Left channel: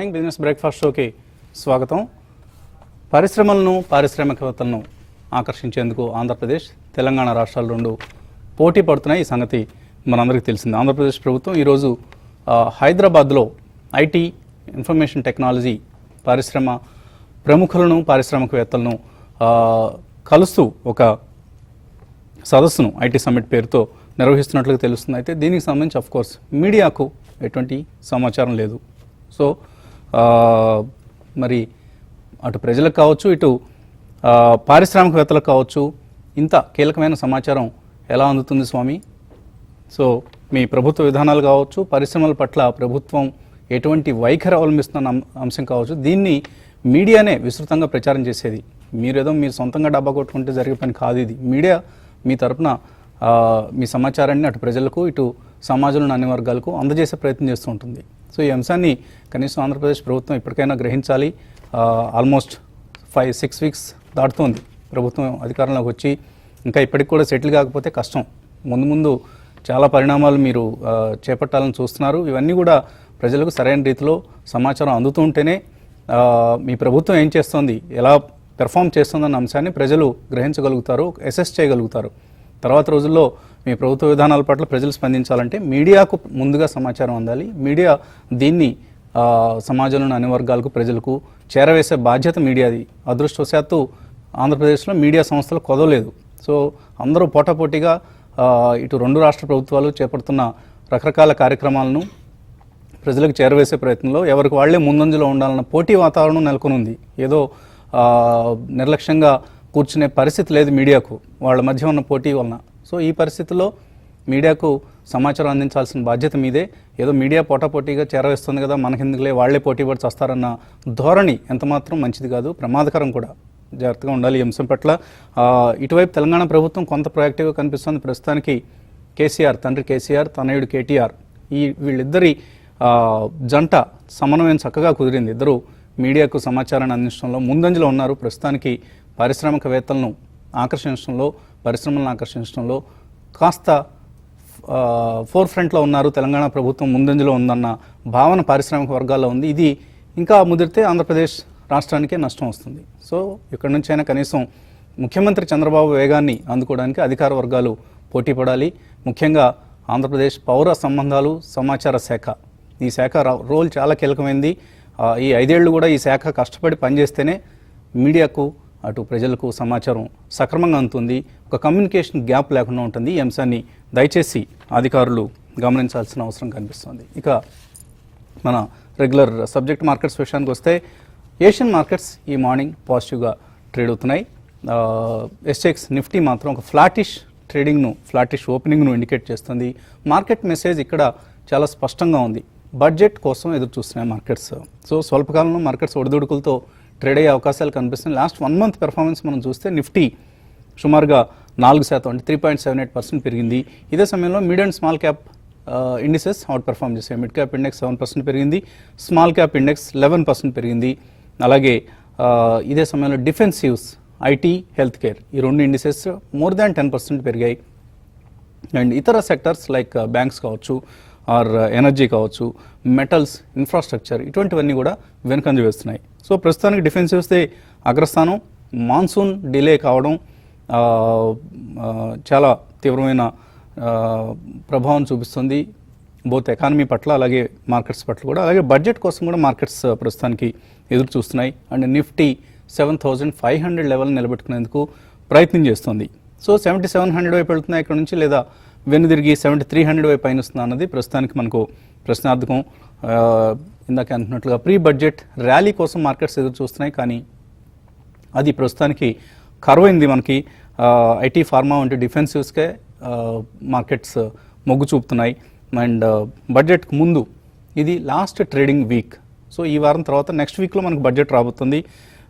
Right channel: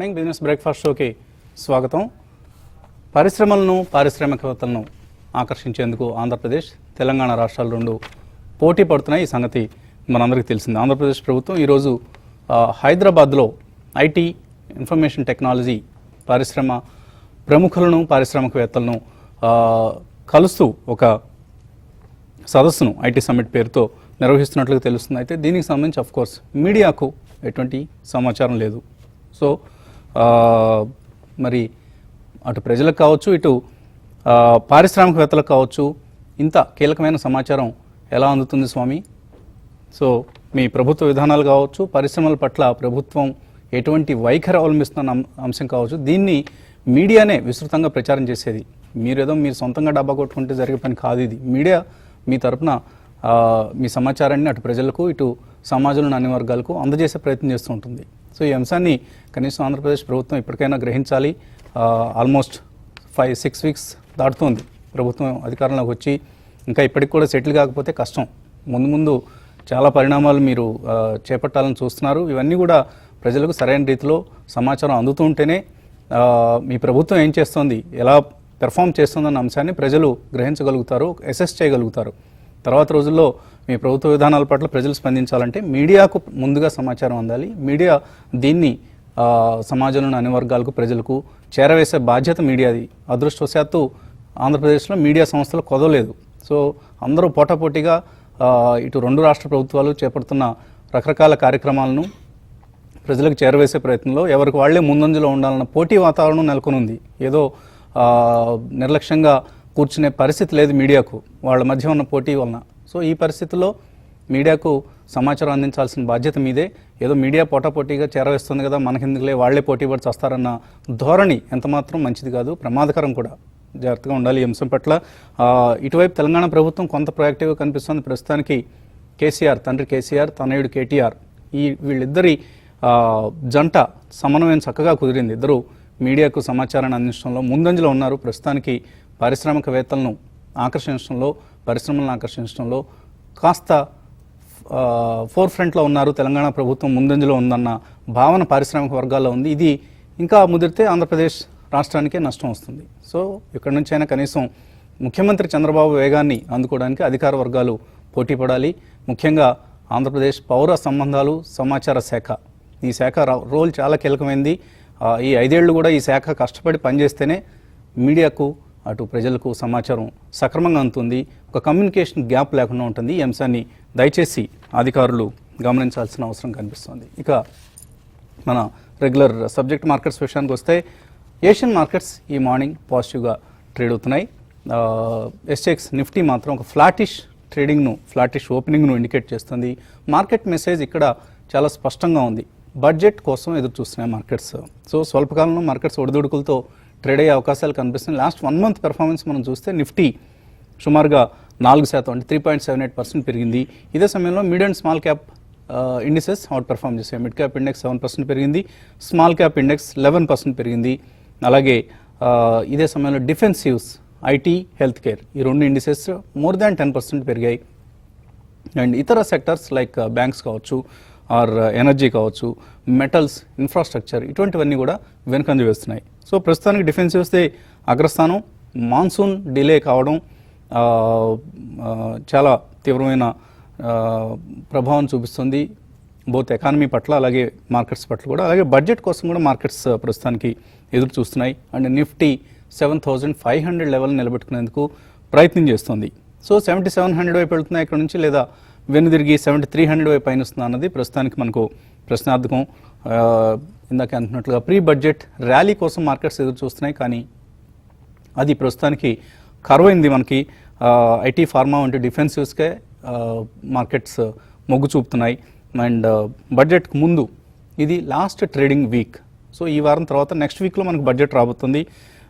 Morning business breakfast షోకి స్వాగతం. పరిశ్రమలను పారిశ్రామికవేత్తలను ఆకర్షించేందుకు ఆంధ్రప్రదేశ్ తెలంగాణ రాష్ట్రాలు రెండు పోటీ పడుతున్నాయి. ఈ సంగతి మనందరికీ తెలిసింది. ఆంధ్రప్రదేశ్ ప్రభుత్వం ఈరోజు హైదరాబాద్లో ఐటీ ఇన్ఫర్మేషన్ టెక్నాలజీ పరిశ్రమ ప్రముఖులను పారిశ్రామికవేత్తలను కలుస్తూ ఒక సదస్సును ఐటీ సమ్మిట్ పేరుతో నిర్వహిస్తున్నట్లుగా తెలుస్తుంది. అయితే దీనికి సంబంధించి అఫ్కోర్స్ మీడియాకు ఎటువంటి సమాచారం లేదు. సో మరి అటు ప్రజలకు కావచ్చు, ఇటు పారిశ్రామికవేత్తలకు కావచ్చు, ఇంత కీలకమైన సమాచారం ఎలా అందుతుంది స్వామి? సో మీ ప్రభుత్వ విధానాలు కావచ్చు, పరిశ్రమల పట్ల ప్రభుత్వం ఎటువంటి వైఖరి అవలంబిస్తున్న అంశం కావచ్చు, దీన్ని మీడియానే విస్తృతంగా ప్రచారం చేసేది. మీరేదో మీరు సొంతంగా డబ్బా కొట్టుకుంటే జరిగే పని కాదు ఇది. మీడియా మీ తరఫున మీ సమాచారాన్ని అటు ప్రజలకు, ఇటు సమాజంలోని అన్ని వర్గాలకు అందజేసే ప్రయత్నం చేస్తూ ఉంటుంది. సో ఈ అంశాన్ని కనీసం ఆంధ్రప్రదేశ్ ప్రభుత్వం ఇప్పటికైనా గ్రహించాలి. ఆల్మోస్ట్ 5-6 వీక్స్ దాటుతోంది ప్రభుత్వం అధికారంలోకి వచ్చి. ఇంకా ఇప్పటికి కూడా సెటిల్ కాకపోతే కష్టం. ముందు చాలా పరిణామాలు మీరు చేపట్టాలని చూస్తున్నారు. ఇవన్నీ కూడా ప్రజలకు సరైన రీతిలో సమాచారం అందుతూ ఉంటేనే మీ ప్రభుత్వం ఏం చేస్తుంది, ఎలా పెర్ఫామ్ చేస్తుందన్న అంశాన్ని ప్రజలు గ్రహించగలుగుతారు, అసెస్ చేయగలుగుతారు. తర్వాత రోజుల్లో మీ ప్రభుత్వ విధానాల పట్ల ప్రజలు స్పందించాలంటే మీడియాకు ముందుగా సమాచారం అందాలి. మీడియా దీన్ని సమాజంలోని అన్ని వర్గాలకు, ప్రజలకు చేరవేసే బాధ్యత మీడియాది. అదృష్టవశాత్తు ఆంధ్రప్రదేశ్లో మీడియా సంస్థలు కొదవలేదు. సో అందరూ పోటాపోటీగా ఇటు రెండు రాష్ట్ర ప్రభుత్వాలు చేపడుతున్న రకరకాల కార్యక్రమాలను ప్రజలకు చేరవేసే ప్రయత్నంలో ఎవరికి వాళ్లే ముందంజలో ఉండాలన్న పోటీ వాతావరణం నెలకొని ఉంది. ఏదో నిర్లక్ష్యంగా కూర్చునే పరిస్థితి లేదు మీడియాకు, వాళ్ళ మధ్య ఉన్న పోటీ వలన. సో ఈ పరిస్థితుల్లో మీడియాకు సమాచారం అందించాల్సిన బాధ్యత మీదే. ఏదో మీడియా పోటాపోటీగా చేరవేస్తుంది కదా, మనకెందుకులే వాళ్లే పోటీ పడి వస్తారన్న ధోరణి ఎంతమాత్రం మంచిది కాదు, ప్రమాదకరం కూడా. జాగ్రత్తగా ఉండాలి ఈ అంశం పట్ల. ఇటువైపు తెలంగాణ ప్రభుత్వం కొంత ప్రొయాక్టివ్గా కనిపిస్తుంది. ప్రస్తుతానికి కేసీఆర్, తండ్రి కేసీఆర్, తనయుడు కేటీఆర్, వీళ్ళిద్దరి జంట సమన్వయం చక్కగా కుదిరింది. ఇద్దరు మీడియాకు సమాచారాన్ని అందించడంలో ముందంజలో ఉన్నారు. ప్రస్తుతానికి పారిశ్రామికవేత్తలను ఆకర్షించడంలో, పరిశ్రమలను ఆకర్షించడంలో కాస్త ఫోర్ ఫ్రంట్లో ఉన్నారు. తెలంగాణ ప్రభుత్వం ముందంజలో ఉందన్న భావన పారిశ్రామిక వర్గాల్లో ఉంది. ఇది ఇంకా ముదిరితే ఆంధ్రప్రదేశ్ రాష్ట్రానికే నష్టం వస్తుంది. సో ఇక్కడి నుంచి అయినా కనీసం ముఖ్యమంత్రి చంద్రబాబు వేగాన్ని అందుకోవడానికి అధికార వర్గాలు పోటీ పడాలి. ముఖ్యంగా ఆంధ్రప్రదేశ్ పౌర సంబంధాలు సమాచార శాఖ, ఈ శాఖ రోల్ చాలా కీలకమైంది. ఈ 5 ఏళ్ళు కూడా ఈ శాఖ కష్టపడి పనిచేస్తేనే మీడియాకు, అటు ప్రజలకు సమాచారం సక్రమంగా అందుతుంది. ఒక కమ్యూనికేషన్ గ్యాప్ లేకుండా ఉంటుంది. ఈ అంశాన్ని దయచేసి అధికారులు గమనించాల్సిన అవసరం కనిపిస్తుంది. ఇక మన రెగ్యులర్ సబ్జెక్ట్ మార్కెట్స్ విషయానికి వస్తే, ఏషియన్ మార్కెట్స్ ఈ మార్నింగ్ పాజిటివ్గా ట్రేడ్ అవుతున్నాయి. ఎస్ఎక్స్ నిఫ్టీ మాత్రం ఒక ఫ్లాటిష్ ఓపెనింగ్ను ఇండికేట్ చేస్తుంది. మార్కెట్ మెసేజ్ ఇక్కడ చాలా స్పష్టంగా ఉంది. బడ్జెట్ కోసం ఎదురు చూస్తున్నాయి మార్కెట్స్. సో స్వల్పకాలంలో మార్కెట్స్ ఒడిదుడుకులతో ట్రేడ్ అయ్యే అవకాశాలు కనిపిస్తున్నాయి. లాస్ట్ 1 మంత్ పెర్ఫార్మెన్స్ మనం చూస్తే నిఫ్టీ సుమారుగా 4% అంటే 3.78% పెరిగింది. ఇదే సమయంలో mid and small cap indices out perform చేశాయి. మిడ్ క్యాప్ ఇండెక్స్ 7% పెరిగింది, స్మాల్ క్యాప్ ఇండెక్స్ 11% పెరిగింది. అలాగే ఇదే సమయంలో డిఫెన్సివ్స్, ఐటీ, హెల్త్ కేర్, ఈ రెండు ఇండిసెస్ మోర్ దాన్ 10% పెరిగాయి. అండ్ ఇతర సెక్టర్స్ లైక్ బ్యాంక్స్ కావచ్చు, ఆర్ ఎనర్జీ కావచ్చు, మెటల్స్, ఇన్ఫ్రాస్ట్రక్చర్, ఇటువంటివన్నీ కూడా వెనుకంజ వేస్తున్నాయి. సో ప్రస్తుతానికి డిఫెన్సివ్స్దే అగ్రస్థానం. మాన్సూన్ డిలే కావడం చాలా తీవ్రమైన ప్రభావం చూపిస్తుంది బోత్ ఎకానమీ పట్ల, అలాగే మార్కెట్స్ పట్ల కూడా. అలాగే బడ్జెట్ కోసం కూడా మార్కెట్స్ ప్రస్తుతానికి ఎదురు చూస్తున్నాయి. అండ్ నిఫ్టీ 7,500 లెవెల్ నిలబెట్టుకునేందుకు ప్రయత్నం చేస్తుంది. సో 7,700 వైపు వెళ్తున్నాయి ఇక్కడ నుంచి, లేదా వెనుదిరిగి 7,300 వైపు పైన వస్తుందా అన్నది ప్రస్తుతానికి మనకు ప్రశ్నార్థకం. ఇందాక అంటున్నట్లుగా ప్రీ బడ్జెట్ ర్యాలీ కోసం మార్కెట్స్ ఎదురు చూస్తున్నాయి, కానీ అది ప్రస్తుతానికి కరువైంది. మనకి ఐటీ, ఫార్మా వంటి డిఫెన్సివ్స్కే మార్కెట్స్ మొగ్గు చూపుతున్నాయి. అండ్ బడ్జెట్కి ముందు ఇది లాస్ట్ ట్రేడింగ్ వీక్. సో ఈ వారం తర్వాత నెక్స్ట్ వీక్లో మనకు బడ్జెట్ రాబోతుంది.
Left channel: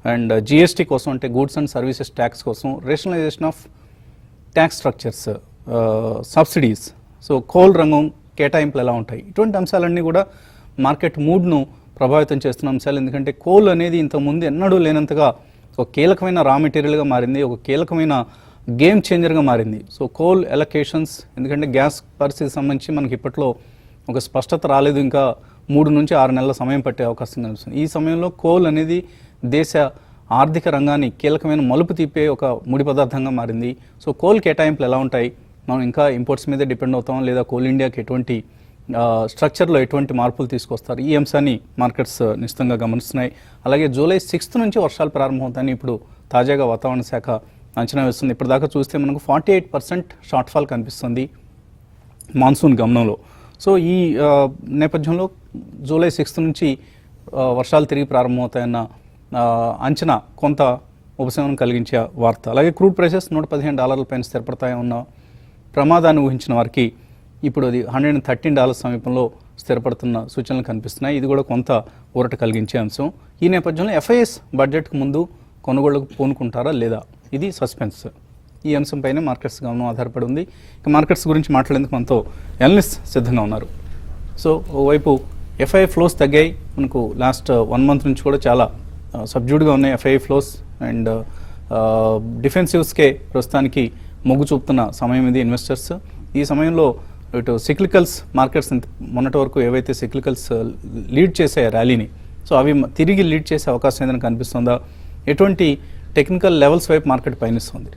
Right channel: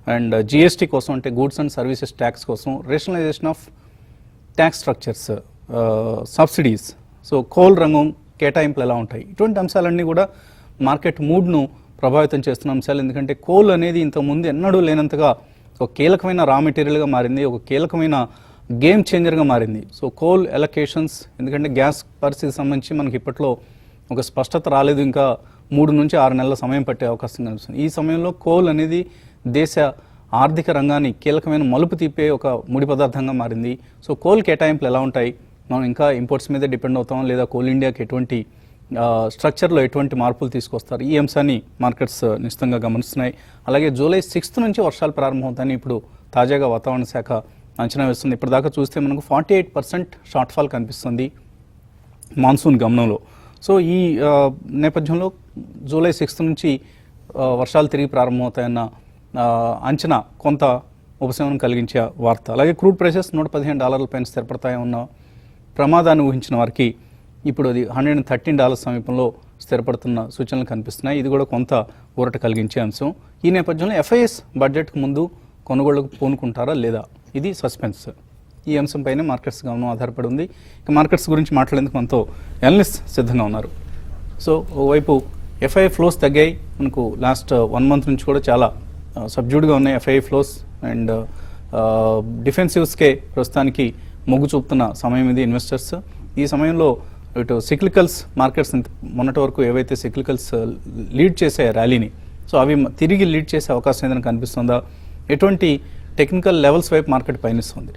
అండ్ జిఎస్టీ కోసం, అంటే గూడ్స్ అండ్ సర్వీసెస్ ట్యాక్స్ కోసం, rationalisation of tax structures, subsidies, so coal రంగం కేటాయింపులు ఎలా ఉంటాయి, ఇటువంటి అంశాలన్నీ కూడా మార్కెట్ మూడ్ను ప్రభావితం చేస్తున్న అంశాలు. ఎందుకంటే కోల్ అనేది ఇంతకుముందు ఎన్నడూ లేనంతగా ఒక కీలకమైన రా మెటీరియల్గా మారింది, ఒక కీలకమైన గేమ్ చేంజర్గా మారింది. సో కోల్ ఎలొకేషన్స్, ఎందుకంటే గ్యాస్ పరిస్థితికి సంబంధించి మనకి ఇప్పట్లో ఒక స్పష్టత రాలేదు. ఇంకా 3 నుంచి 6 నెలల సమయం పట్టే అవకాశం కనిపిస్తుంది. ఈ సమయంలో కోల్ అనేది దేశ ఆర్థిక రంగాన్ని కీలకమైన మలుపు తిప్పే ఒక ముడి పదార్థంగా మారింది. సో కోల్ కేటాయింపులు ఎలా ఉంటాయి, మనం ఇంకా ఇంపోర్ట్స్ మీదే డిపెండ్ అవుతాం లేదా కోల్ ఇండియాకి ఎటువంటి స్ట్రక్చర్లో ఎటువంటి మార్పులు తీసుకొస్తారు, ఈ అంశాన్ని మార్కెట్స్ నిశ్చితంగా గమనిస్తున్నాయి. అలాగే జూలై 6th నుంచి వర్షాలు ప్రారంభమవుతాయని ఇప్పుడు తాజాగా వాతావరణ శాఖ అంచనా వేస్తుంది. ఇప్పటిదాకా చూస్తే మనకు 48% షార్ట్ ఫాల్ కనిపిస్తుంది మాన్సూన్ గమనంలో. సో ఈ నేపథ్యంలో జూలై 6th నుంచి వర్షాలు తిరిగి ప్రారంభమవుతాయన్న అంచనా కొంత ఉపశమనం కలిగించే వార్త. అలాగే క్రూడ్ ప్రైసెస్ $115 పైన స్థిరపడతాయన్న ప్రమాదాన్ని ఊహించిన వారికి ఇప్పుడు అది $113 సమీపంలో స్థిరపడుతున్న సూచనలు కనిపిస్తున్నాయి. ఇది కూడా కొంత ఊరట కలిగించే అంశం. ఈ నేపథ్యంలో FIS బడ్జెట్కు ముందు కొనుగోలుకు పూనుకుంటారా లేదా, ఇది సస్పెన్స్. ఈ అంశంపైనే మార్కెట్స్ గమనం ఆధారపడి ఉంది. ఇక మార్కెట్స్ గురించి మాట్లాడేందుకు మనతో అనలిస్ట్ సిద్ధంగా ఉన్నారు. సో ఓవైపు FII ఫ్లోస్ తగ్గాయి, మనకు లాస్ట్ 1 month నుంచి కూడా చాలా సబ్జ్యూడ్గా ఉన్నాయి FII ఫ్లోస్. అండ్ డిఫెన్సివ్స్కే ప్రస్తుతానికి మొగ్గు చూపుతున్న సమయం ఇది ఇన్వెస్టర్స్. ఈ సమయంలో ఇటు సిక్లికల్స్ మార్కెట్స్ మొన్నటి వరకు ఏవైతే సిక్లికల్స్ లీడ్ చేసే ర్యాలీని, సో అవి తిరిగి లీడ్ చేసే అవకాశం ఏదైనా కనిపిస్తుందా, ఎటువంటి టెక్నికల్ లెవెల్స్ వైపు మార్కెట్ పయనిస్తుంది?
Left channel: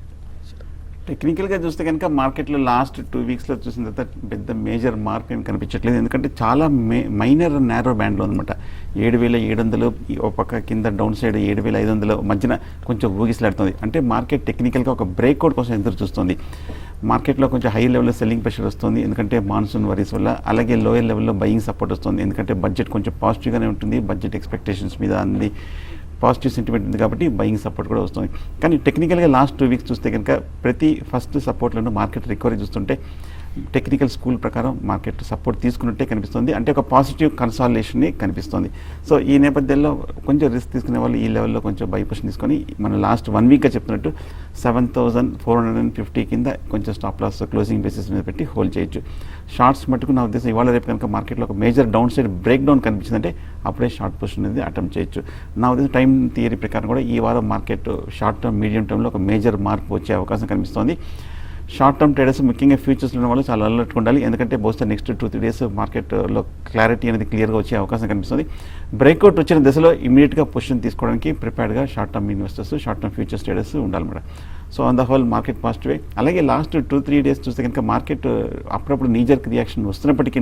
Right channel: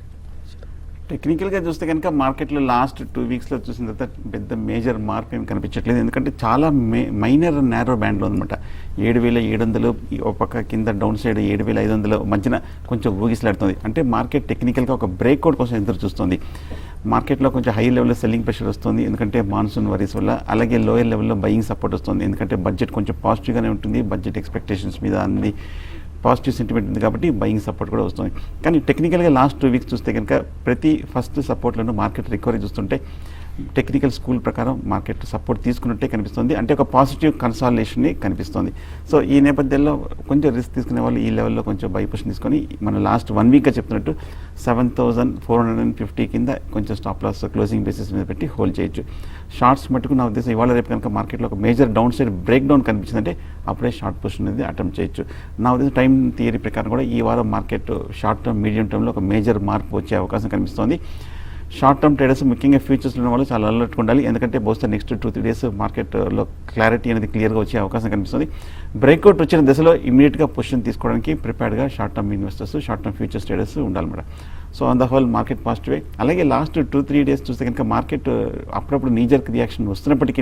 టెక్నికల్గా చూస్తే కనుక మార్కెట్లో లాస్ట్ 2 weeksలో చూసిన తర్వాత పెద్ద మేజర్ మార్కెట్ కనిపించట్లేదు. ఎందుకంటే చాలా మైనర్ నేరో బ్యాండ్లో అనమాట. 7,700 ఒక పక్క కింద డౌన్ సైడ్ 7,500 మధ్యన కొంచెం ఊగిసలాడుతుంది. అంటే మార్కెట్ టెక్నికల్గా ఒక బ్రేక్అవుట్ కోసం ఎదురు చూస్తుంది. మార్కెట్లో కొంచెం హై లెవెల్లో సెల్లింగ్ ప్రెషర్ వస్తుంది, ఎందుకంటే మాన్సూన్ వరీస్ వల్ల. అలాగే లోయర్ లెవెల్లో బయింగ్ సపోర్ట్ వస్తుంది, ఎందుకంటే బడ్జెట్ కొంచెం పాజిటివ్గానే ఉంటుంది. బడ్జెట్ ఎక్స్పెక్టేషన్స్ మీద అన్ని పాజిటివ్ సెంటిమెంట్ ఉంది కాబట్టి బయింగ్ సపోర్ట్ కూడా వస్తుంది. కానీ టెక్నికల్గా లాస్ట్ 2 weeks చూస్తే కనుక ప్రతి ఫస్ట్ సపోర్ట్లను మార్కెట్ రికవరీ చూస్తుంటే టెక్నికల్ స్కూల్ ప్రకారం మార్కెట్ సపోర్ట్ తీసుకున్నట్టే కనిపిస్తుంది. అంటే ఒక పాజిటివ్ కన్సాలిడేషన్ కనిపిస్తుంది. సో ఈ నేపథ్యంలో కొంచెం రిస్క్ తీసుకునే వాళ్ళు ఈ లెవెల్లో కొంచెం బై పొజిషన్ తీసుకొని మన లాస్ట్ 1 weekగా చెప్తున్నట్టు 7,450 కింద కొంచెం స్టాప్ లాస్ క్లోజింగ్ బేసిస్ మీద పెట్టి హోల్డ్ చేయొచ్చు. షార్ట్స్ మటుకు నా ఉద్దేశం ఇవాళ రేపు కనుక మార్కెట్లో ఒక major downside breakdown కనిపించిందంటే అప్పుడే షార్ట్ పొజిషన్ అనేది అటెంప్ట్ చేయొచ్చు. నా ఉద్దేశం టైం థియరీ ప్రకారం కూడా ఈ వారం మార్కెట్ షార్ట్ టర్మ్ మీడియం టర్మ్లో ఒక మేజర్ మార్పు వచ్చే అవకాశం కనిపిస్తుంది. షార్ట్ టర్మ్ ట్రేడర్స్ ముఖ్యంగా ఫ్యూచర్స్లో ఉన్న వాళ్ళు చాలా అలర్ట్గా ఉండాలి, ఎందుకంటే బహుశా నెక్స్ట్ 2-3 days మార్కెట్లో క్లారిటీ అనేది క్లియర్గా వచ్చే అవకాశం కనిపిస్తుంది. బ్రేక్అవుట్ వచ్చిన దశలో ఇమీడియట్గా పొజిషన్ తీసుకోవడానికి ప్రిపేర్డ్గా short term investors, short term futures traders ఉండాలి కూడా. So on the whole market positive. అలాగే లాస్ట్ 2-3 days చూస్తే కనుక మార్కెట్ అప్పుడప్పుడు నీజర్క్ రియాక్షన్ వస్తున్నప్పటికీ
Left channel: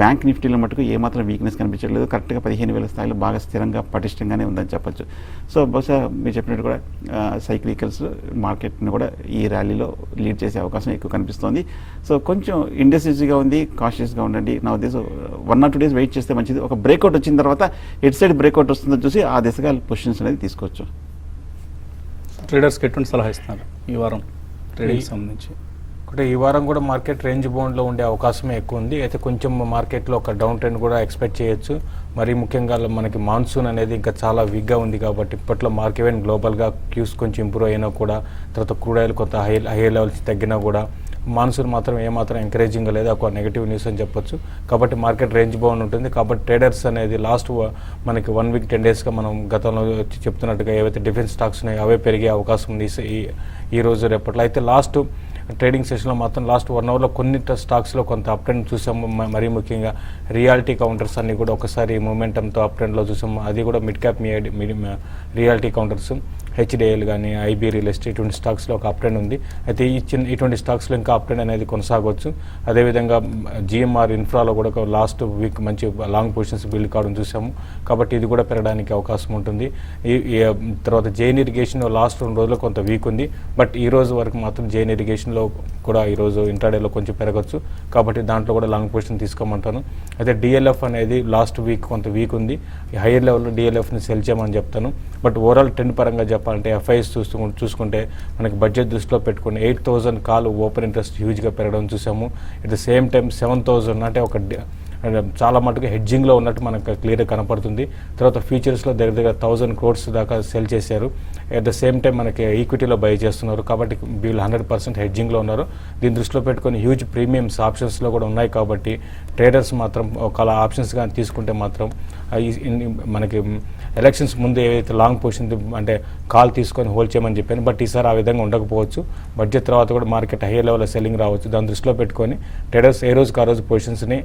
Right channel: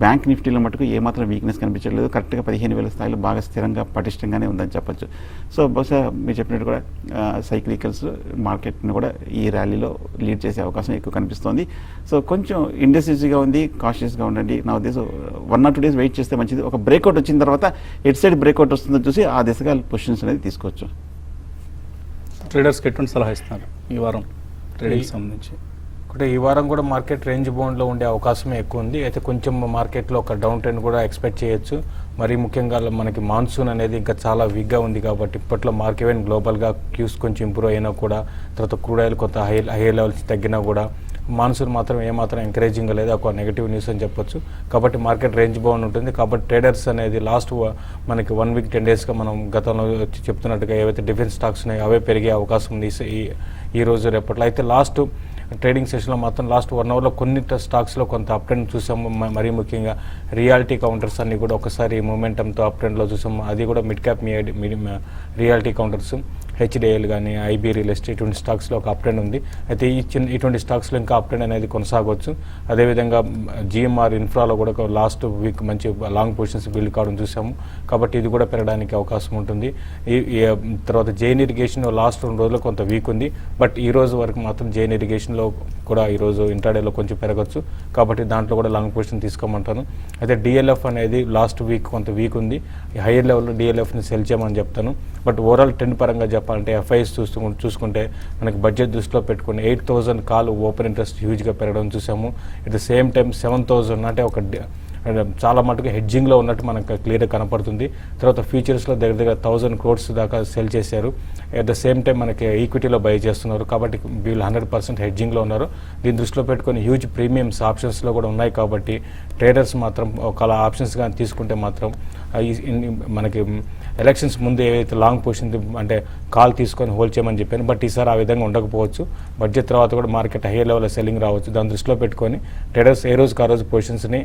బ్యాంక్ నిఫ్టీలో మటుకు ఏమాత్రం వీక్నెస్ కనిపించలేదు. కరెక్ట్గా 15,000 స్థాయిలో బాగా స్థిరంగా పటిష్టంగానే ఉందని చెప్పొచ్చు. సో బహుశా మీరు చెప్పినట్టు కూడా సైక్లికల్స్ మార్కెట్ను కూడా ఈ ర్యాలీలో లీడ్ చేసే అవకాశం ఎక్కువ కనిపిస్తుంది. సో కొంచెం ఇండెసివ్గా ఉంది, కాషియస్గా ఉండండి. నా ఉద్దేశం 1 or 2 days వెయిట్ చేస్తే మంచిది. ఒక బ్రేక్అవుట్ వచ్చిన తర్వాత ఎట్ సైడ్ బ్రేక్అవుట్ వస్తుందని చూసి ఆ దిశగా పొజిషన్స్ అనేది తీసుకోవచ్చు. ట్రేడర్స్కి ఎటువంటి సలహా ఇస్తున్నారు ఈ వారం ట్రేడింగ్ సంబంధించి? అంటే ఈ వారం కూడా మార్కెట్ రేంజ్ బౌండ్లో ఉండే అవకాశమే ఎక్కువ ఉంది. అయితే కొంచెం మార్కెట్లో ఒక డౌన్ ట్రెండ్ కూడా ఎక్స్పెక్ట్ చేయొచ్చు. మరి ముఖ్యంగా మనకి మాన్సూన్ అనేది ఇంకా చాలా వీక్గా ఉంది కాబట్టి ఇప్పట్లో మార్కెట్ గ్లోబల్గా క్యూస్ కొంచెం ఇంప్రూవ్ అయినా కూడా, తర్వాత క్రూడ్ కొంత హై లెవెల్స్ తగ్గినా కూడా మాన్సూన్ మాత్రం ఏమాత్రం ఎంకరేజింగ్గా లేదు, ఒక నెగిటివ్ న్యూస్ అని చెప్పొచ్చు. కాబట్టి మార్కెట్ రేంజ్ బౌండ్ ఉంటుంది. కాబట్టి ట్రేడర్స్ అనేది లాస్ట్ మనకి 1 week 10 daysగా మనం గతంలో చెప్తున్నట్టుగా ఏవైతే డిఫెన్స్ స్టాక్స్ ఉన్నాయో అవే పెరిగే అవకాశం ఉంది ఈ రోజు రేపట్లో. అయితే లాస్ట్ ట్రేడింగ్ సెషన్లో మాత్రం లాస్ట్ 1 hourలో కొన్ని స్టాక్స్లో కొంత అప్ ట్రెండ్ చూసాము. మరీ ముఖ్యంగా రియాలిటీ కౌంటర్స్ అన్ని కూడా ఒకసారి మూమెంటంతో అప్ ట్రెండ్లో చూసాము. అది కూడా mid cap reality counters, HDL కానీ IB రియల్ ఎస్టేట్ ఇటువంటి స్టాక్స్లో ఒక అప్ ట్రెండ్ ఉంది. అయితే ఇటువంటి స్టాక్స్లో ఇంకా అప్ ట్రెండ్ అనేది కొనసాగవచ్చు. అదేవిధంగా GMR ఇన్ఫ్రాలో కూడా లాస్ట్ వీక్ మంచి లాంగ్ పొజిషన్స్ బిల్డ్ కావడం చూసాము. కాబట్టి ఇది కూడా పెరగడానికి అవకాశం ఉంటుంది. తర్వాత జైన్ ఇరిగేషన్ లాస్ట్ 2 రోజులు కొంత వీక్ ఉంది. బట్ ఈ రోజు వరకు మాత్రం జైన్ ఇరిగేషన్లో కూడా ఈరోజు ఇంటర్డేలో కొంచెం పెరగచ్చు. కాబట్టి దాంట్లో కూడా లాంగ్ పొజిషన్ తీసుకోమంటాను. అయితే DLF అనేది లాస్ట్ వీక్ కొంత వీక్ ఉంది. హైయర్ లెవెల్లో DLFని సెల్ చేయమని చెప్తాను. బట్ ఓవరాల్ ట్రెండ్ పరంగా చెప్పాలంటే FIs చూసుకుంటే మనకి బడ్జెట్ దృష్టిలో పెట్టుకుని 8,000 కాల్ ఓపెన్ ఇంట్రెస్ట్ హ్యూజ్గా పెరగడం చూసాము. ఎట్ ద సేమ్ టైం 7,000 అంటే ఒక చాలా మటుకు హెడ్జింగ్లో ఉన్నట్టు మనకు క్లియర్గా కనపడుతుంది. తర్వాత ఫ్యూచర్స్లో దగ్గర 1,000 crores దాకా సెల్ చేశారు. అట్ ద సేమ్ టైం మనకి ఈక్విటీలో బై చేస్తున్నారు. కాబట్టి వీళ్ళు 100% హెడ్జింగ్లో ఉన్నారు. దీన్ని దృష్టిలో పెట్టుకొని హ్యూజ్ ప్రీమియమ్స్ ఆప్షన్స్లో కూడా ఉన్నాయి. కాబట్టి ట్రేడర్స్ మాత్రం ఒకవేళ ఆప్షన్స్ కానీ తీసుకుంటే మాత్రం మనకి ఎలక్షన్స్ ముందు ఏదైతే లాంగ్ పొజిషన్ అంటే కాల్ తీసుకొని హోల్డ్ చేయమని చెప్పాను. బట్ ఈసారి ఆ విధంగా ఉండకపోవచ్చు. బడ్జెట్ తర్వాత కూడా మార్కెట్ హై లెవెల్లో సెల్లింగ్ రావచ్చు. దాన్ని దృష్టిలో పెట్టుకొని ట్రేడర్స్ ఏ రోజుకి ఆ రోజు పొజిషన్స్ని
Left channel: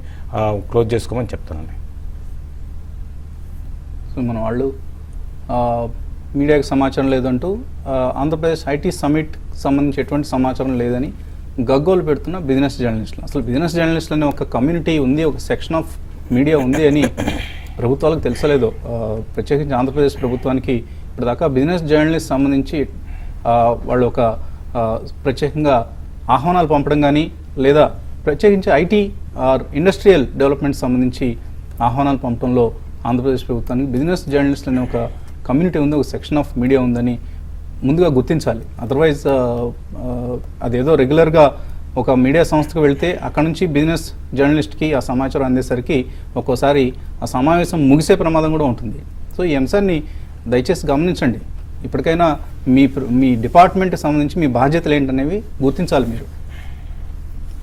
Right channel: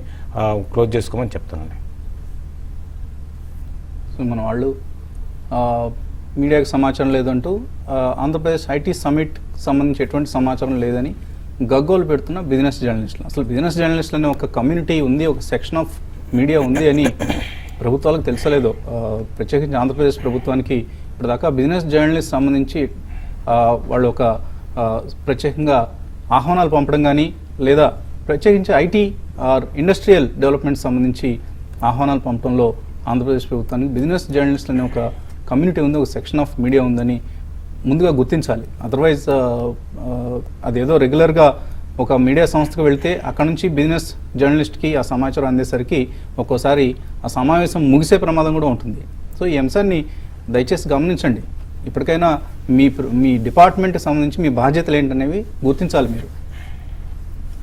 క్లోజ్ చేసుకోమని చెప్తాను. తీసుకుని మన వాళ్ళు మీడియాకి సమాచారం లేదంటూ ఆంధ్రప్రదేశ్ ఐటీ సమిట్ సంబంధించి ఎటువంటి సమాచారం లేదని గగ్గోలు పెడుతున్న బిజినెస్ జర్నలిస్టులు. అసలు బిజినెస్ జర్నలిస్టులు అనే ఒక కమ్యూనిటీ ఉంది, ఒక సెక్షన్ ఆఫ్ మీడియా ఉంది అని ప్రభుత్వాలకు తెలుసలేదు. ప్రత్యేకించి ఆంధ్రప్రదేశ్ ప్రభుత్వానికి ఇప్పటిదాకా బిజినెస్ జర్నలిస్ట్ సంబంధించి వాళ్ళు ఒక ప్రత్యేకంగా ఆహ్వానాలు పంపడం కానీ లేదా ప్రత్యేకించి ఐటీ ఆర్ ఇండస్ట్రియల్ డెవలప్మెంట్ సంబంధించి ఆహ్వానాలు పంపడంలో ఆంధ్రప్రదేశ్ ప్రభుత్వానికి బిజినెస్ జర్నలిస్ట్ అనే ఒక కమ్యూనిటీ ఉంది, ఒక సెక్షన్ ఆఫ్ మీడియా ఉందని ముందుగా గుర్తించాలి. అదర్వైజ్ అదేదో రెగ్యులర్గా ఒక మీడియా సంస్థకు వెళ్తే అక్కడ నుంచి బిజినెస్ జర్నలిస్ట్కి ఆ సమాచారం అందేసరికి ఒక్కోసారి ఆ సమావేశం ముగిసే ప్రమాదం కూడా ఉంటుంది. సో ఈ అంశాన్ని దయచేసి గమనించండి. ఇప్పటికైనా మీ డిపార్ట్మెంట్కి సంబంధించి మీ బాధ్యతలు ఏంటనేవి గుర్తించాలి. మీరు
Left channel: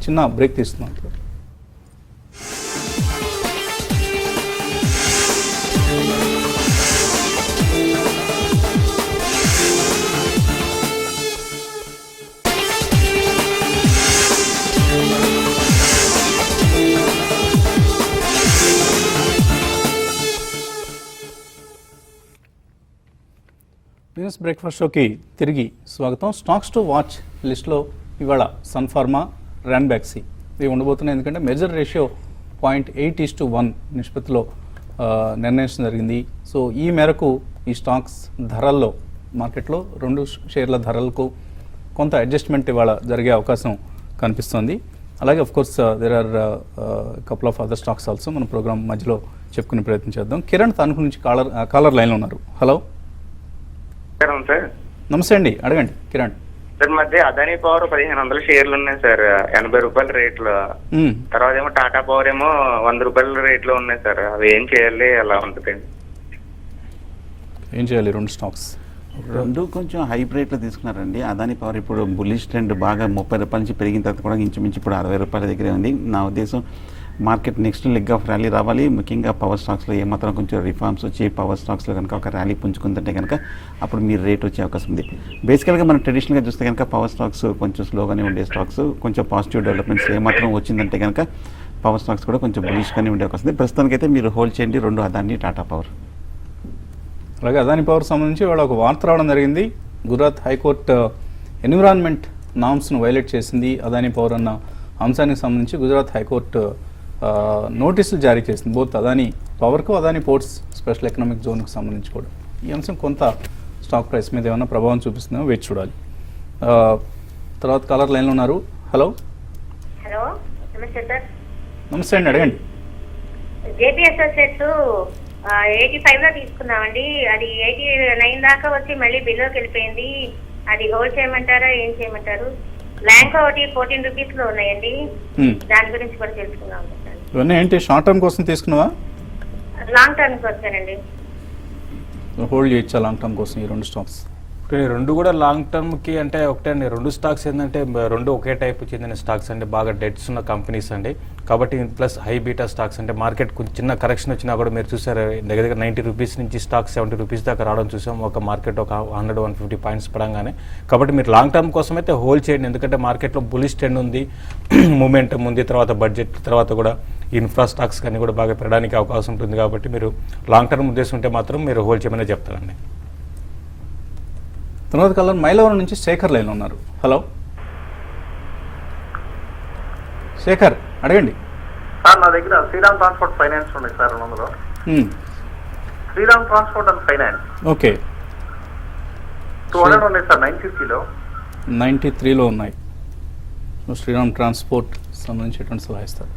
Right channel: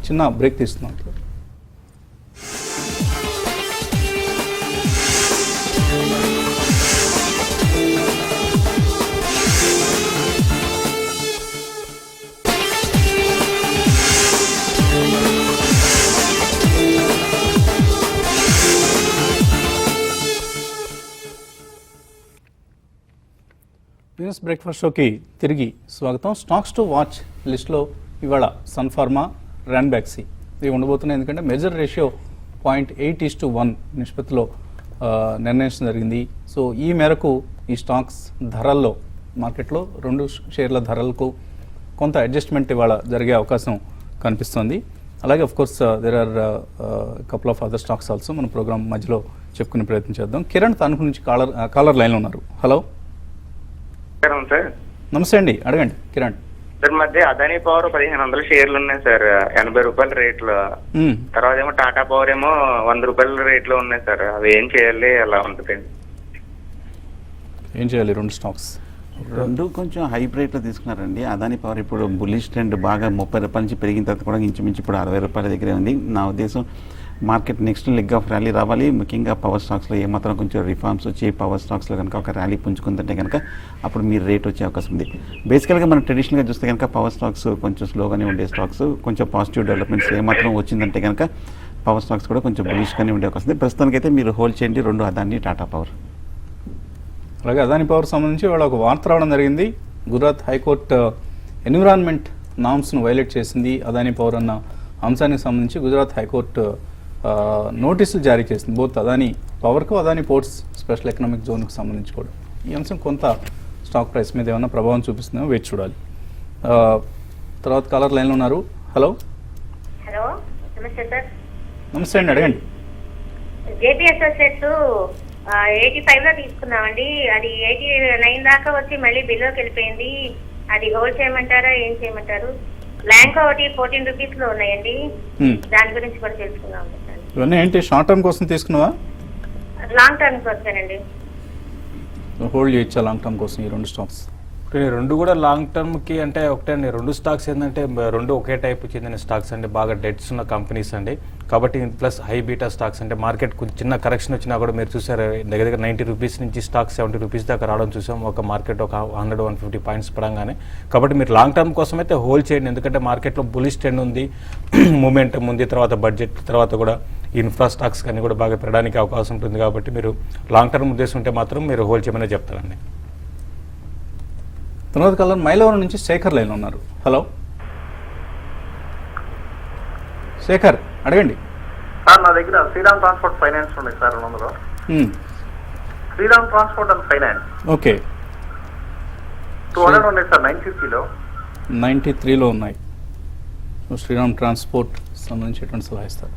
చిన్న బ్రేక్ తీసుకున్నాం. బిజినెస్ బ్రేక్ఫాస్ట్ షోకి తిరిగి స్వాగతం. స్టాక్స్ టు వాచ్ లిస్ట్లో ఇవాళ సన్ ఫార్మా, ర్యాన్బ్యాక్సీ ఇవి ఉండబోతున్నాయి. ఎందుకంటే మెజర్ రేషియో 0.8:1 నిష్పత్తిలో నిర్ణయించడం జరిగింది. సో ఈ మేరకు ఈ స్టాక్స్ ధరల్లో మార్కెట్లో రెండు షేర్ల ధరలకు కొంత అడ్జస్ట్మెంట్ ఇవాళ జరిగే అవకాశం కనిపిస్తుంది. అలాగే of course there are couple of other stocks also మన ప్రోగ్రామ్ మధ్యలో చెప్పుకునే ప్రయత్నం చేద్దాం. కిరణ్ తణుకు నుంచి కాలర్ లైన్లో ఉన్నారు. హలో, సార్ నమస్తే అండి, అడగండి కిరణ్. సార్ మధ్య అదానీ పవర్ 1500 షేర్లు ఉన్నాయి సార్, 80 రూపాయల రేట్లు. తర్వాత ఏమో టాటా పవర్ ఏమో 100 రూపాయల రేట్లు ఉన్నాయి సార్. అవి ఏం చేయాలి, ఎలా ఉంటుంది? ఏం చేయాలి? రెండు స్టాక్స్ రెండు కొంచెం హైబ్రిడ్ లో తీసుకున్నారండి. అదాని పవర్ ఇప్పుడు బుల్లిష్ ట్రెండ్ బాగా 30 రూపాయల నుంచి పెరిగిన తర్వాత కూడా ఇంచుమించు ఇప్పుడు 60 రూపాయల దగ్గర ఉంది. నా ఉద్దేశం market next leg of rally రావాలి. ముఖ్యంగా పవర్ స్టాక్స్లో ఏమాత్రం కొంచెం రిఫార్మ్స్ వచ్చి పవర్ స్టాక్స్లో కనుక ఒక ర్యాలీ పుంజుకుందంటే కనుక అప్పుడు మీరు రేట్ వచ్చే అవకాశం ఉంది. బేసికల్గా మనం ట్రెడిషనల్గా చూస్తే కనుక పవర్ స్టాక్స్ కొంచెం స్లోగానే ఉండే స్టాక్స్, కొంచెం పాజిటివ్ డెవలప్మెంట్స్ ఏమాత్రం వచ్చిందంటే కనుక పవర్ స్టాక్స్ కూడా కొంచెం బులిష్గానే ఉండే అవకాశం ఉంది. ప్రస్తుతానికి అయితే మీరు హోల్డ్ చేయండి రెండు అదాని, టాటా పవర్. అలాగే అదాని పవర్ సంబంధించి వాళ్ళ ఒక వార్త రావడం జరిగింది. గుజరాత్ హైకోర్టు ఎన్విరాన్మెంట్ నామ్స్ను వైలేట్ చేసింది అదాని పవర్ అన్న అంశానికి సంబంధించి గుజరాత్ హైకోర్టు నోటీసులు జారీ చేసింది. బోత్ అదాని పవర్కు, అదాని పోర్ట్స్ స్పెషల్ ఎకనామిక్ జోన్కి సంబంధించి కూడా. ఈ అంశం కొంత స్టాక్ ప్రైస్ మీద ఏమైనా ప్రభావం చూపిస్తుందో వేచి చూడాలి. తర్వాత కాలర్ లైన్లో ఉన్నారు. హలో, హలో, నమస్తే సార్. నమస్తే అండి, అడగండి. జేపీ అసోసియేట్స్ 85 లో తీసుకున్నామండి. అది 89 దాకా వచ్చి మళ్ళీ బిలోకి వెళ్ళిపోయింది. అది హోల్డ్ చేయమంటారా, ఏం చేయమంటారు? బ్యాంక్ ఒకటి 14 రూపీస్ లో ఉన్నాయండి. దాని గురించి కూడా తెలుసుకున్నాము. ఇవన్నీ ఏంటి, షార్ట్ టర్మ్ కోసం తీసుకున్నావా, లాంగ్ టర్మ్ కి వచ్చారండి? హోల్డ్ చేయొచ్చా లాంగ్ టర్మ్ కోసం ఈ రెండు స్టాక్స్? రెండు కూడా లాంగ్ టర్మ్ కి అంటే ఒకటే అండి. రెండు స్టాక్స్ ఏంటంటే రెండు ఒకే టైప్ చెందిన స్టాక్స్ అండి, బాగా డెట్స్ ఉన్న కంపెనీస్ అండి. కాబట్టి ప్లస్ హై బీటా స్టాక్స్ అంటే మార్కెట్ చిన్న కరెక్షన్ వచ్చినా కూడా మీరు చూసారు దగ్గర 90 రూపీస్ నుంచి స్టాక్ 70 రూపీస్ దాకా రావడం చూసాం. ఒక మార్కెట్ ఒక 100-150 పాయింట్స్ పడంగానే. కాబట్టి మీరు లాంగ్ టర్మ్ కోసం అయితే హోల్డ్ చేయండి. ఎందుకంటే మార్కెట్లో బులిష్ ట్రెండ్ ఉంది, మూమెంటం ఉంది. తర్వాత బడ్జెట్ తర్వాత కూడా ఇన్ఫ్రా స్టాక్స్ కానీ కూడా బాగా పెరగడానికి అవకాశం ఉంటుంది. కాబట్టి మీరు లాంగ్ టర్మ్ ఉద్దేశం ఉంటే మాత్రం మీరు హోల్డ్ చేయమని చెప్తారండి. తర్వాత కాలం మైలవరం నుంచి శేఖర్ లైన్ ఉన్నారు. హలో శేఖర్, అడగండి. నా దగ్గర శ్రీరామ్ ట్రాన్స్పోర్ట్ ఫైనాన్స్ ఉంది సార్. అందులో Shriram transport and finance okay 200 ఉన్నాయి సార్. 93లో 93లో ఉన్నాయి. శ్రీరామ్ ట్రాన్స్పోర్ట్ సంబంధించి సలహా ఇస్తారు.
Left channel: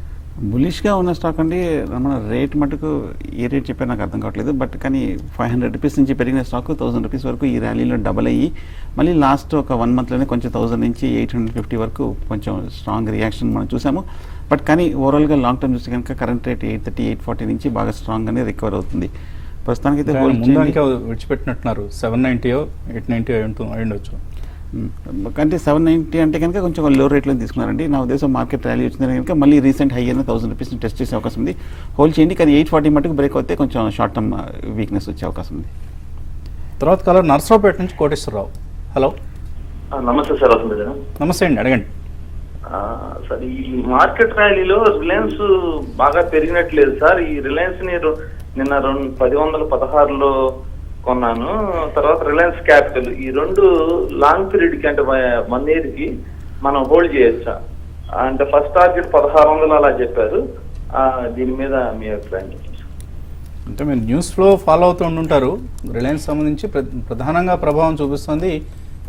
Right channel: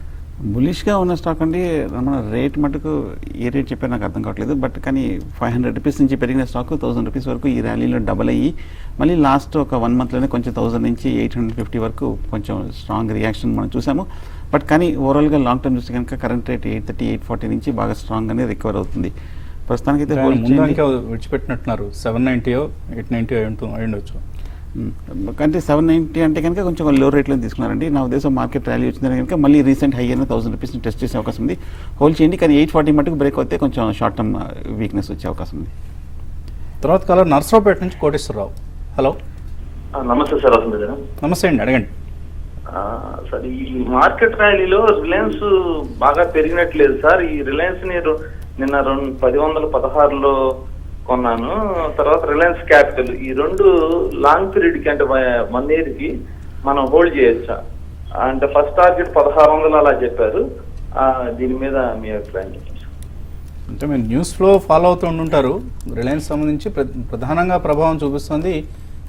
బులిష్గా ఉన్న స్టాక్ అండి. రేట్ మటుకు ఏ రేట్ చెప్పా నాకు అర్థం కావట్లేదు. బట్ కానీ 500 రూపీస్ నుంచి పెరిగిన స్టాక్ 1000 రూపీస్ వరకు ఈ ర్యాలీలో డబల్ అయ్యి మళ్ళీ లాస్ట్ ఒక 1 మంత్లోనే కొంచెం 1000 నుంచి 850 వరకు కొంచెం స్ట్రాంగ్ రియాక్షన్ మనం చూసాము. బట్ కానీ ఓవరాల్గా లాంగ్ టర్మ్ చూస్తే కనుక కరెంట్ రేట్ 830, 840 నుంచి బాగా స్ట్రాంగ్గానే రికవర్ అవుతుంది. ప్రస్తుతానికి అయితే విడిచిపెట్టినట్టున్నారు. 790, 890 అయ్యుండొచ్చు. అంటే 790 అంటే కనుక కొంచెం లో రేట్లో తీసుకున్నారండి. నా ఉద్దేశం మార్కెట్ ర్యాలీ వచ్చింది కనుక మళ్ళీ రీసెంట్ హై అయిన 1000 రూపీస్ టెస్ట్ చేసే అవకాశం ఉంది. హోల్డ్ చేయండి. కానీ 840 మటుకు బ్రేక్ అవుతే కొంచెం షార్ట్ టర్మ్ వీక్నెస్ వచ్చే అవకాశం ఉంది. తర్వాత కాలం నర్సరావుపేట నుంచి కోటేశ్వరరావు. హలో, నమస్తే సార్. నమస్తే అండి, అడగండి. సార్ ఈ మార్కెట్ ర్యాలీలో రిలయన్స్ బాగా పెరిగినట్లేదు సార్. ఈ రిలయన్స్ ని నిన్న 1016లో కొన్నాను. తర్వాత రిలయన్స్ క్యాపిటల్, ఈ రెండు లాంగ్ పీరియడ్ కి అంటే 1 year కి మనం హోల్డ్ చేయొచ్చా? అంటే ఫస్ట్ టార్గెట్ 1600 అలా చెప్పారు. దీని మీద మీ అభిప్రాయం చెప్పండి. అంటే మీరు న్యూస్ ఫ్లో ఫాలో అవుతూ ఉంటుంటారు. రిలయన్స్ సంబంధించి ప్రధానంగా ప్రభావం చూపిస్తుంది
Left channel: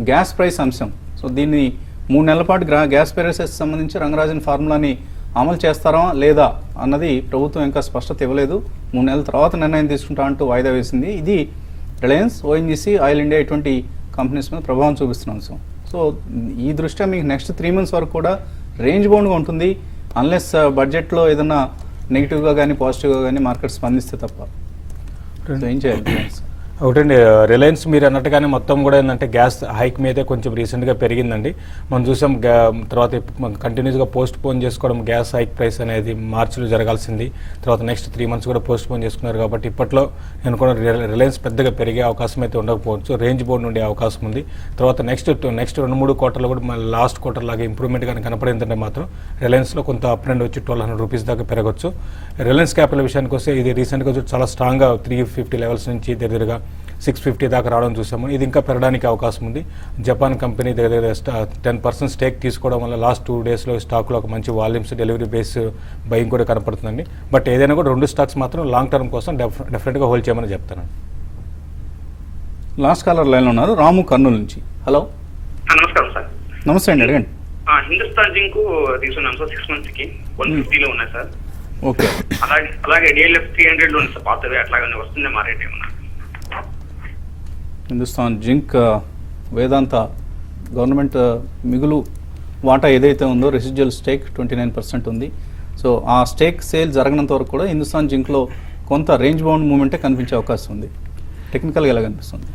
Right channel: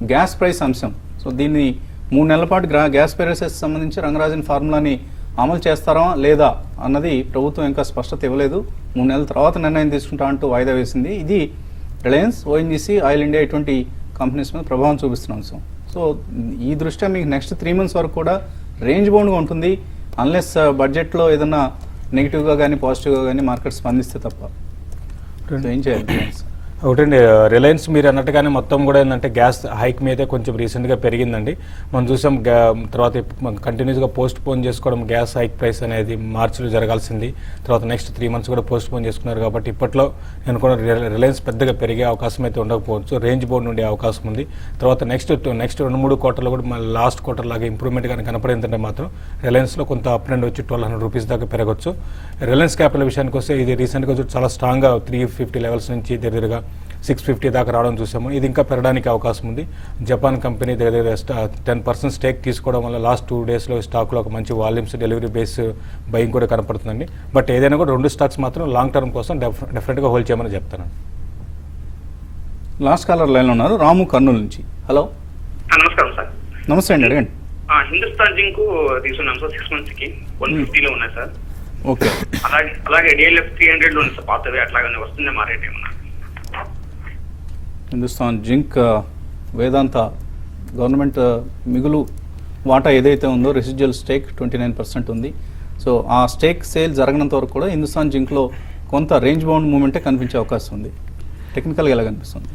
గ్యాస్ ప్రైస్ అంశం. సో దీన్ని 3 నెలల పాటు గ్యాస్ ప్రైసెస్ సంబంధించి రంగరాజన్ ఫార్ములాని అమలు చేస్తారా లేదా అన్నది ప్రభుత్వం ఇంకా స్పష్టత ఇవ్వలేదు. 3 నెలల తర్వాత నిర్ణయం తీసుకుంటా అంటూ వాయిదా వేసింది. ఇది రిలయన్స్, ఓఎన్జీసీ, ఆయిల్ ఇండియా ఇటువంటి కంపెనీస్ మీద ప్రభావం చూపిస్తున్న అంశం. సో ఈ దృష్ట్యా మీకు నెక్స్ట్ 3 months వరకు కూడా రేంజ్ బౌండ్గా ఉంటుంది, అన్లెస్ బడ్జెట్లో ఏదైనా నెగిటివ్గా కానీ పాజిటివ్గా కానీ మార్కెట్ స్పందిస్తే తప్ప. సో ఏం చేయాలి? ఒకటండి, రిలయన్స్ మీరు అన్నట్టుగానే మొత్తం కూడా ఏంటంటే గ్యాస్ హైక్ మీదే కొంచెం రీసెంట్గా పెరిగిందండి. మనం చూసాం తర్వాత కంటిన్యూస్గా పోస్ట్ పోన్ చేసుకోవడం గ్యాస్ హైక్ ప్రైస్ అనేది మార్చిలో జరగాల్సింది. తర్వాత నెక్స్ట్ 3 months కూడా పోస్ట్ పోన్ చేసుకున్నారు. కాబట్టి ఇప్పట్లో నేను కూడా రిలయన్స్ పెద్దగా పెరిగే అవకాశం అయితే ఉండకపోవచ్చు, రేంజ్ బౌండ్ ఉండే అవకాశం ఉంది. తర్వాత నెక్స్ట్ 2-3 quarterలో కూడా మళ్ళీ లాస్ట్ క్వార్టర్ లాగా ఇంప్రూవ్మెంట్ కానీ కనపడిందంటే మాత్రం రిలయన్స్లో కొంత అప్ అండ్ వచ్చి 1200 రూపీస్ దాకా పెరగచ్చు. రిలయన్స్ క్యాపిటల్ విషయానికి వస్తే ఇది రీసెంట్గా చాలా స్ట్రాంగ్గా 350 లెవెల్స్ నుంచి దగ్గరగా 650 దాకా రావడం చూసాము. ఇది ఇంకా పెరగడానికి అవకాశం ఉంది. జపాన్ కంపెనీ దగ్గర 10% స్టేక్ తీసుకోవడం వల్ల లాస్ట్ 2 daysలో స్టాక్లో ఒక మంచి వాల్యూమ్స్, డెలివరీ బేస్ బయింగ్ కూడా కనపడుతుందండి. బట్ ఏదైనా కూడా 2 స్టాక్స్ మాత్రం లాంగ్ టర్మ్ కోసం డెఫినెట్గా హోల్డ్ చేయమని చెప్తాను. లాస్ట్ కాలర్ లైన్లో ఉన్నారు, రాము కర్నూలు నుంచి. హలో, నమస్కారం సార్. నమస్తే అండి. రండి. హిందుస్థాన్ జింక్ తీసుకున్నాను సార్, 6 months కి 150లో ఉన్నాయి సార్. ఓకే. అలాగే డిఎల్ఎఫ్ 300 ఉంది సార్, పాతవి అట్లాగానే వస్తుంది మా రేట్ ఏమన్నా? హిందుస్థాన్ జింక్, వేదాంత గవర్నమెంట్ మిగులు వాటా ఏదైతే ఉందో రెసిడ్యువల్ స్టేక్ 29% ఉంది. సో ఆ స్టేక్ సేల్ జరగనంత వరకు కూడా హిందుస్థాన్ జింక్లో కొంత రేంజ్ బౌండ్ మూమెంటే కనిపించే అవకాశం ఉంది. టెక్నికల్గా ఎలా కనిపిస్తుంది?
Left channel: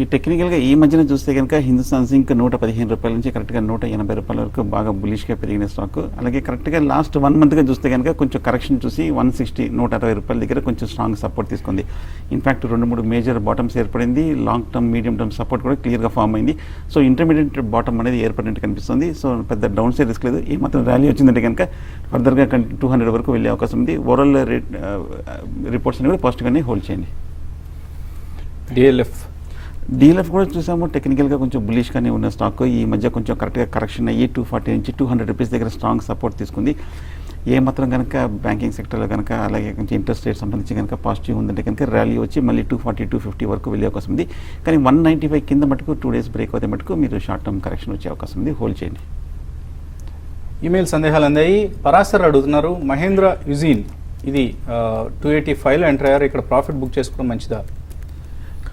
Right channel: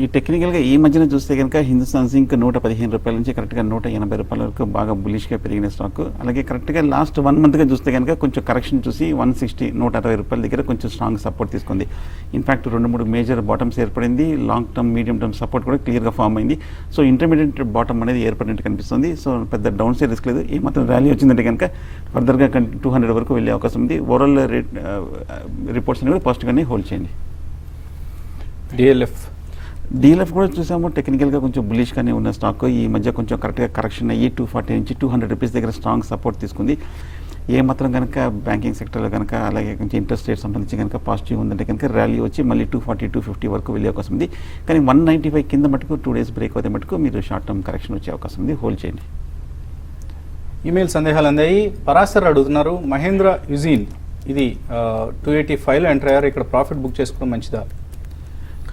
ఈ టెక్నికల్గా ఈ మధ్యన చూస్తే కనుక హిందుస్థాన్ జింక్ 115 రూపాయల నుంచి కరెక్ట్గా 180 రూపాయల వరకు బాగా బులిష్గా పెరిగిన స్టాక్. అలాగే కరెక్ట్గా లాస్ట్ 1 monthగా చూస్తే కనుక కొంచెం కరెక్షన్ చూసి 160-160 రూపాయల దగ్గర కొంచెం స్ట్రాంగ్ సపోర్ట్ తీసుకుంది. ఇన్ఫాక్ట్ 2-3 మేజర్ బాటమ్స్ ఏర్పడింది. Long term, medium term support కూడా క్లియర్గా ఫామ్ అయింది. సో ఇంటర్మీడియట్ బాటమ్ అనేది ఏర్పడినట్టు కనిపిస్తుంది. సో పెద్ద డౌన్ సైడ్ రిస్క్ లేదు. ఈ మాత్రం ర్యాలీ వచ్చిందంటే కనుక ఫర్దర్గా 200 వరకు వెళ్ళే అవకాశం ఉంది. ఓవరాల్ రేట్ రిపోర్ట్స్ అనేవి పాజిటివ్గానే హోల్డ్ చేయండి. డీఎల్ఎఫ్ కూడా చూసాము, టెక్నికల్గా కొంచెం బులిష్గానే ఉన్న స్టాక్. ఈ మధ్య కొంచెం కరెక్ట్గా కరెక్షన్ అయ్యి 240 నుంచి 200 రూపీస్ దగ్గర స్ట్రాంగ్ సపోర్ట్ తీసుకుంది. ఏ మాత్రం కనుక బ్యాంకింగ్ సెక్టర్లో కనుక అలాగే కొంచెం ఇంట్రెస్ట్ రేట్ సంబంధించి కనుక పాజిటివ్ ఉందంటే కనుక ర్యాలీ వచ్చి మళ్ళీ 240-250 వరకు వెళ్ళే అవకాశం ఉంది. కానీ 195 కింద మటుకు 2 days బ్రేక్ అవుతే మటుకు మీరు షార్ట్ టర్మ్ కరెక్షన్ వచ్చే అవకాశం ఉంది. హోల్డ్ చేయండి. ఈమెయిల్ సందేహాలు అందాయి. పరాశర్ అడుగుతున్నారు, మహేంద్ర యుజీన్ ఇది 285లో ఎంటర్ అయ్యారు, ఇక్కడ ప్రాఫిట్ బుక్ చేసుకోవడం మంచిదా?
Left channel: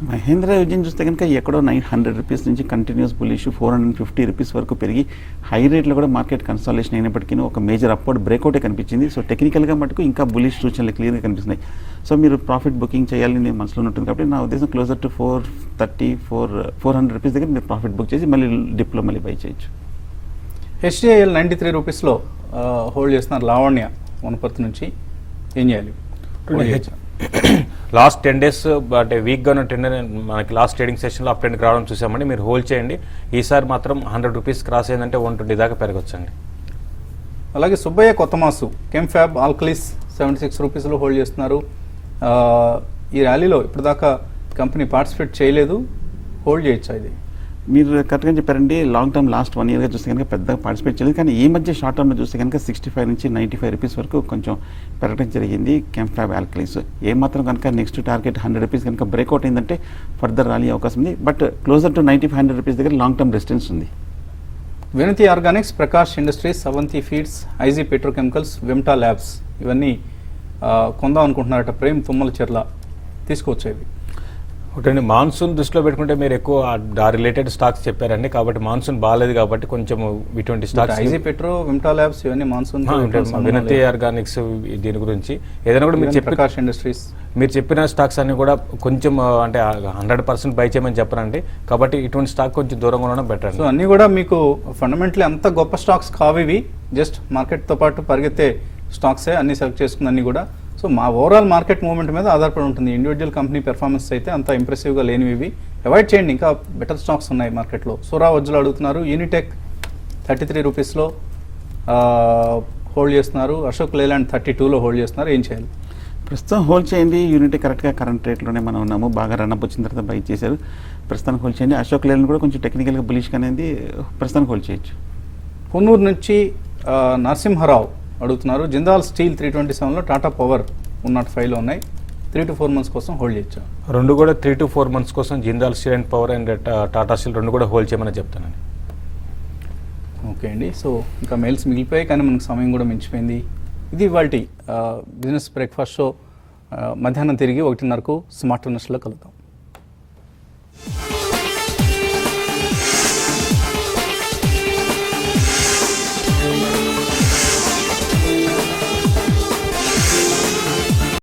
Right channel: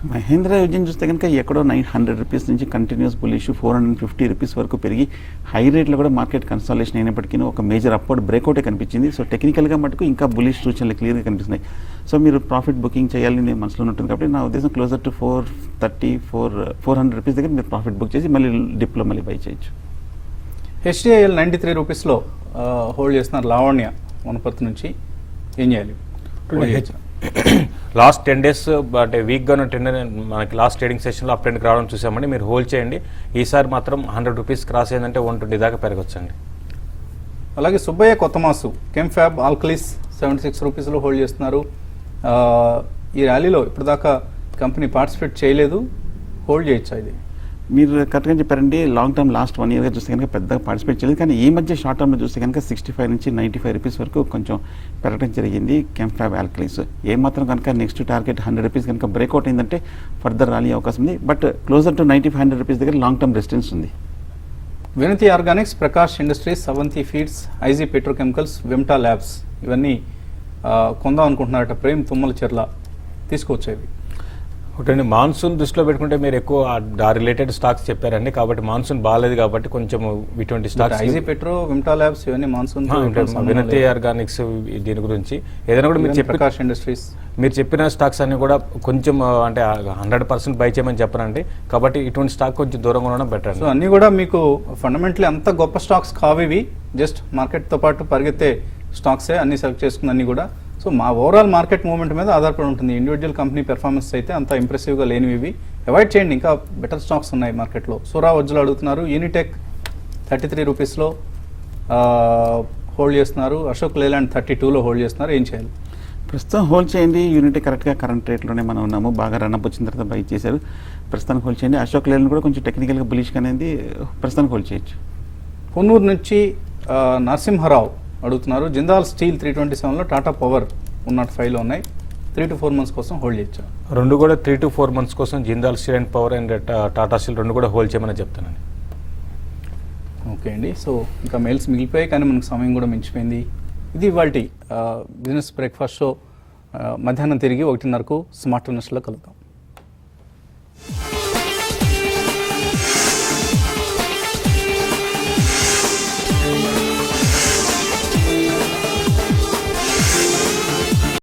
మహేంద్ర యూజిన్ చూస్తే కనుక ఎక్కడో 900 రూపీస్ నుంచి కంటిన్యూస్ బులిష్ 450 రూపీస్ వరకు పెరిగి హై రేట్లో కూడా మార్కెట్ కన్సాలేషన్ అయినప్పటికీ ఒక మేజర్ అప్వర్డ్ బ్రేక్అవుటే కనిపించింది. సో టెక్నికల్గా మటుకు ఇంకా బులిష్ సూచనలు క్లియర్గా కనిపిస్తున్నాయి. సో మీరు ప్రాఫిట్ బుకింగ్ చేయాలని నేను మనసులో ఉంటుంది కాబట్టి నా ఉద్దేశం క్లోజర్ టు 400 రూపీస్ దగ్గర మీరు ప్రాఫిట్ బుక్ చేసి మళ్ళీ డిప్లో మళ్ళీ బై చేయొచ్చు. HCIL 93 రూపీస్లో హోల్డ్ చేస్తున్నారు లావణ్య వనపర్తి నుంచి. ఏం చేయాలి? లాస్ట్ 10 days బట్ వీక్గానే మనకి లాస్ట్ ట్రేడింగ్ సెషన్లో అప్ ట్రెండ్ రావడం చూసామండి. మీరు హోల్డ్ చేయండి. ఈసారి మాత్రం 100 రూపీస్ క్రాస్ అయిందంటే 120 దాకా పెరగొచ్చండి. అలాగే సుబ్బయ్య కొత్తమాసు కెంఫ్యాబ్ ఆల్కలీస్ 76 రూపీస్లో హోల్డ్ చేస్తున్నారు. ఈ ర్యాలీలో ఇప్పుడు దాకా కంపెనీ పార్టిసిపేట్ చేయలేదు, హోల్డ్ చేయొచ్చా ఇది? మీరు కరెక్ట్గా చెప్పారండి. లాంగ్ టర్మ్ లాస్ట్ 1 yearగా చూస్తే కనుక పెద్దగా పార్టిసిపేట్ చేయలేదు. కానీ ఈ మధ్య షార్ట్ టర్మ్లో చూస్తే కనుక 65 నుంచి 95 రూపీస్ వరకు కొంచెం పెరగడం జరిగింది కెంఫ్యాబ్ ఆల్కలీస్. ఏమాత్రం కనుక నెక్స్ట్ టార్గెట్ 100 రూపీస్ కనుక బ్రేక్అవుట్ అయిందంటే ఫర్దర్ రాలీ అవకాశం ఉంది. బట్ క్లోజర్ టు 95-100 రూపీస్ దగ్గర లాంగ్ టర్మ్ రెసిస్టెన్స్ ఉంది. వినతి ఆర్గానిక్స్, ప్రకాష్ ఇండస్ట్రీస్, అవంతి ఫీడ్స్, ఐజీ పెట్రోకెమికల్స్, వెమ్టా ల్యాబ్స్ ఇవన్నీ కొందాం అనుకుంటున్నారట ప్రేమ్ తుమ్మల చెర్ల, తీసుకోవచ్చేవి? ఒకటండి, మాన్సూన్ దృష్టిలో పెట్టుకుంటే మీరు ఎక్కువ రిలేటెడ్ స్టాక్స్ చెప్పారండి. కాబట్టి మాన్సూన్ బాగాలేదు కాబట్టి కొంచెం ఇటువంటి stocks IG petro, Vimta labs ఇవన్నీ మాన్సూన్. వినతి ఆర్గానిక్స్ దీని గురించి ఏదైనా కూడా మీరు ప్రకాష్ ఇండస్ట్రీస్ మీరు చెప్పిన స్టాక్స్ అన్ని కూడా కొంచెం అంటే 100% బై చేయమని చెప్పరండి. కాబట్టి ఇటువంటి స్టాక్ కొంచెం దూరంగా ఉండడం బెటర్. సో అన్ని కూడా మీకు ఫండమెంటలీ అంత గొప్ప స్టాక్స్ కావేవి, జస్ట్ మార్కెట్తో పాటు పరిగెత్తే స్టాక్సే అన్ని సెలెక్ట్ చేసుకున్న అన్ని కూడా. సో మా ఓవరాల్ మార్కెట్ మూవ్మెంట్ మీద ఆధారపడి ఉంటుంది. ఇండివిజువల్ కంపెనీ పెర్ఫార్మెన్స్ అయితే అంత ఇంప్రెసివ్గా లేనివి అవాయిడ్ చేయండి. ఇంకా బెటర్ స్టాక్స్ ఉన్నాయి మార్కెట్లో. సూరా వజ్జులు అడుగుతున్నారు, యూనిటెక్ 33 రూపీస్లో హోల్డ్ చేస్తున్నారు, అశోక్ లేలాండ్ 32లో హోల్డ్ చేస్తున్నారు. ఏం చేయాలి? ప్రస్తుతం హోల్డ్ చేయండి. యూనిటీ కరెక్ట్గా కరెంట్ రేట్లోనే మనం ఉన్నాము. బాగా రన్అప్ వచ్చిన తర్వాత బై చేశారు. ప్రస్తుతానికి హోల్డ్ చేయండి. అశోక్ లేలండ్ కూడా కొంచెం టెక్నికల్గా బులిష్ అనేది ప్రస్తుతానికి హోల్డ్ చేయొచ్చు. కొన్నూరు నుంచి నరసింహారావు అడుగుతున్నారు, జిందాల్ స్టీల్ 327లో, టాటా పవర్ 105లో ఉన్నాయి, 3 to 4 months కోసం హోల్డ్ చేయొచ్చు. రెండు కూడా 3 to 4 months కోసం Jindal steel and power and Tata steel రెండు కూడా హోల్డ్ చేయమని చెప్తానండి. ఓకే అండి. సో ఇంకా మెయిల్స్ మిగిలిపోయాయి కానీ మనకు సమయం కూడా మించిపోయింది. ఇది వాటి బిజినెస్ బ్రేక్ఫాస్ట్ షో. మధ్యాహ్నం తిరిగి 1:30కు స్మార్ట్ న్యూస్లో కలుద్దాం.